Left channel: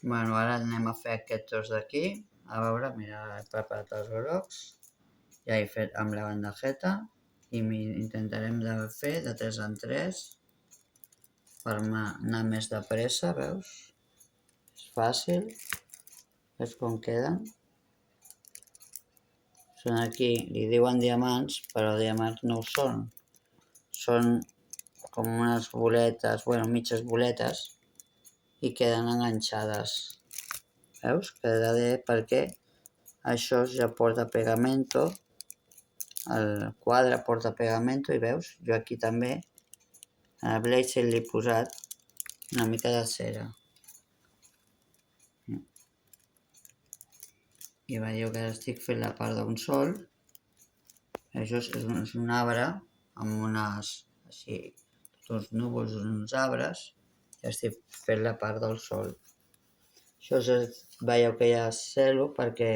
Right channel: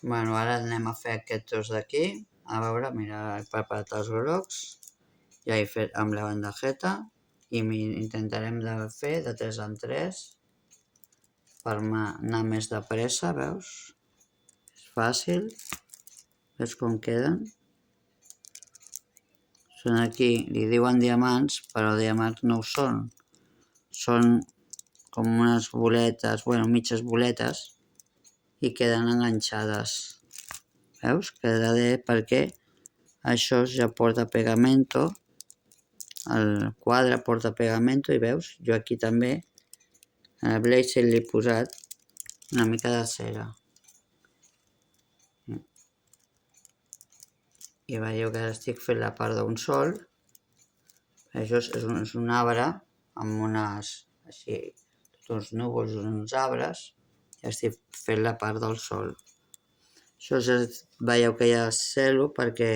Bueno, ara anem a fer aquests dos d'aquí. A veure, mira, he preparat els grocs. Ja he fet amb la bandejeta. I intentarem de fer de 3 en 3 per anar més de pressa, veus? És fàcil. Veus com queden? Són aquí, li diuen diamants, però diamants no ho són. Són com unes boletes, bueno, mitges boletes, i queden enganxades. Veus? Queda bé perquè això ja porta pegamento, el quadre porta pegamento, i veus? Jo aquí també, al blazer li he posat una mica de cera. I veieu que ara estic fent la part d'un sol. Això és un arbre amb unes, així, tots uns núvols, uns arbres, i estic fent la part del sol. Això veieu que hi ha cel·lo perquè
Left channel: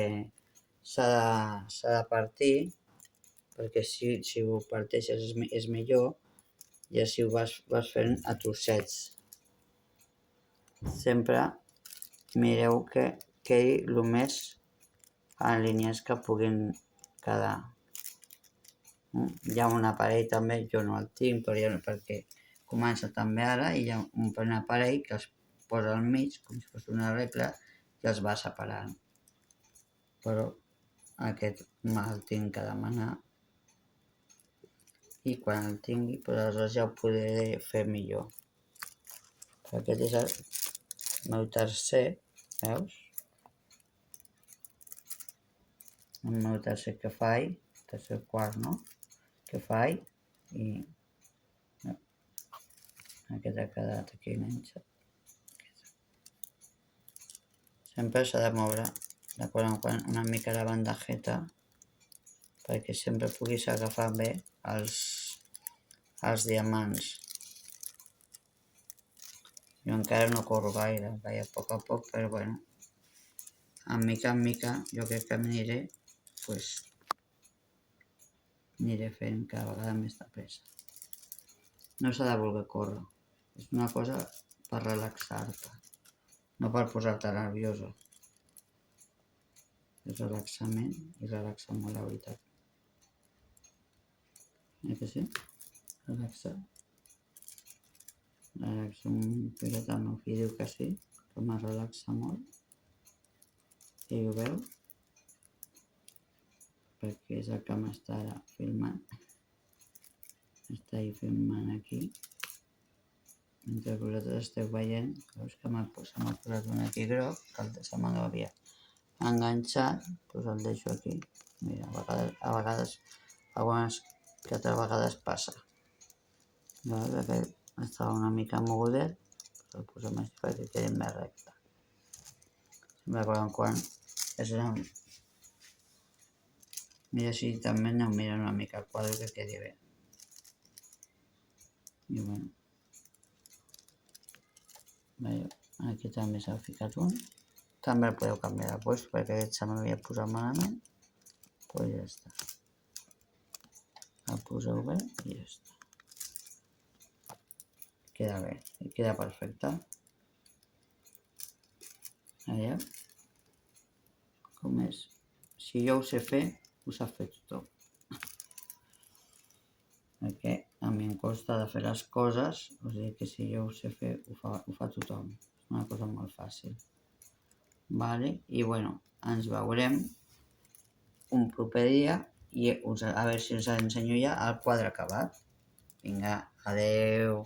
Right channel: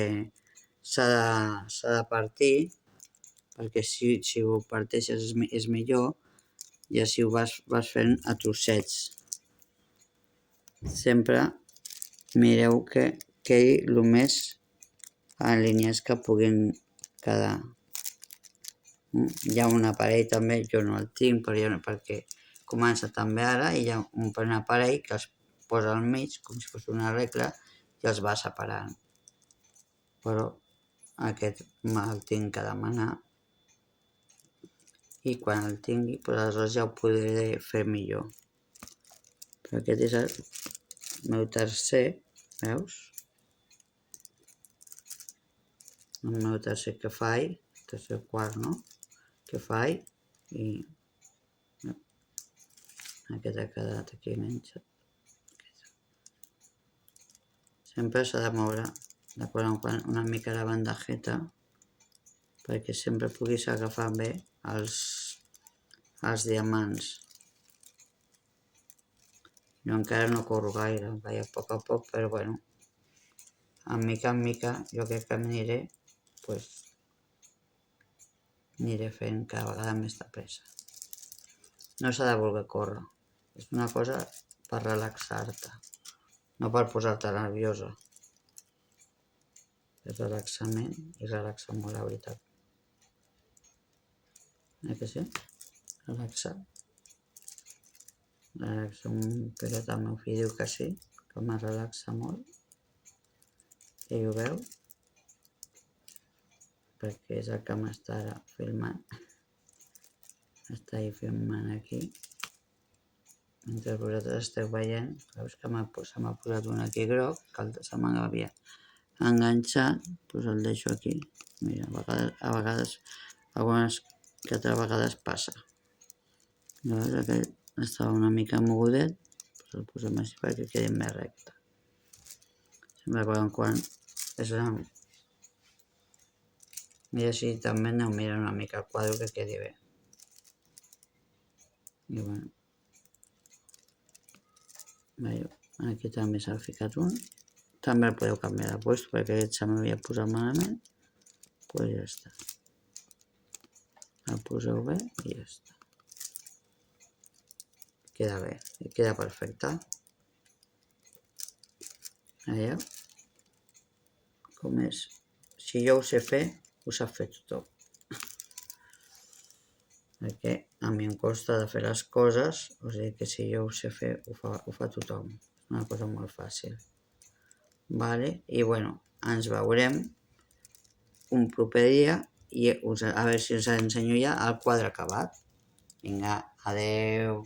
s'ha de partir, perquè si ho parteixes és millor, i així ho vas fent a trossets. Sempre mireu que quedi el més en línies que puguin quedar. Hi ha un aparell també, jo no el tinc, perquè comença també ara, i hi ha un aparell que es posa al mig, com si fos una regla, i els va separant. Però aquest me'l tinc que demanar, i quan el tingui, doncs aleshores ja ho podré fer millor. Però aquest és el meu tercer, veus? El meu tercer que faig, tercer quart, no? Que faig, i aquest ha quedat aquí enganxat. Sempre s'ha de moure de quan en quan una mica la bandejeta perquè sempre puguis agafar bé els diamants. Jo encara no corro gaire, vaig a poc, però bueno, en mica jo crec que aniré fent cada vegada més de pressa. No s'ha de voler córrer, és una cosa per relaxar-te, no per posar-te nerviosa. És relaxament i relaxa molt, la veritat. Que sí? Relaxa. Relaxa un pilot, el meu fill diu que sí, que me relaxa molt. Ell ho veu, perquè és el que m'està filmant. Està filmant aquí. Mentre vosaltres esteu veient, veus que m'ha posat un aquí groc, que se m'havia enganxat, doncs el deixo aquí. Mira, a vegades, algunes que altres vegades passa. Llavors aquest estava una mica mogudet, doncs el posem així perquè quedi més recte. Sempre quan mira si també aneu mirant una mica el quadre que quedi bé. I bueno, veieu, aquí també s'ha ficat un. També el podeu canviar de lloc perquè aquest se m'havia posat malament. Doncs ja està. El poseu bé i ja està. Queda bé, i queda perfecte. Veieu? Com és? Si jo ho sé fer, ho sap fer tothom. Perquè a mi em costa de fer les coses, o sigui que si jo ho sé fer, ho fa tothom. És una cosa molt fàcil. Vale? I bueno, ens veurem un proper dia i a veure si us ensenyo ja el quadre acabat. Vinga, adeu!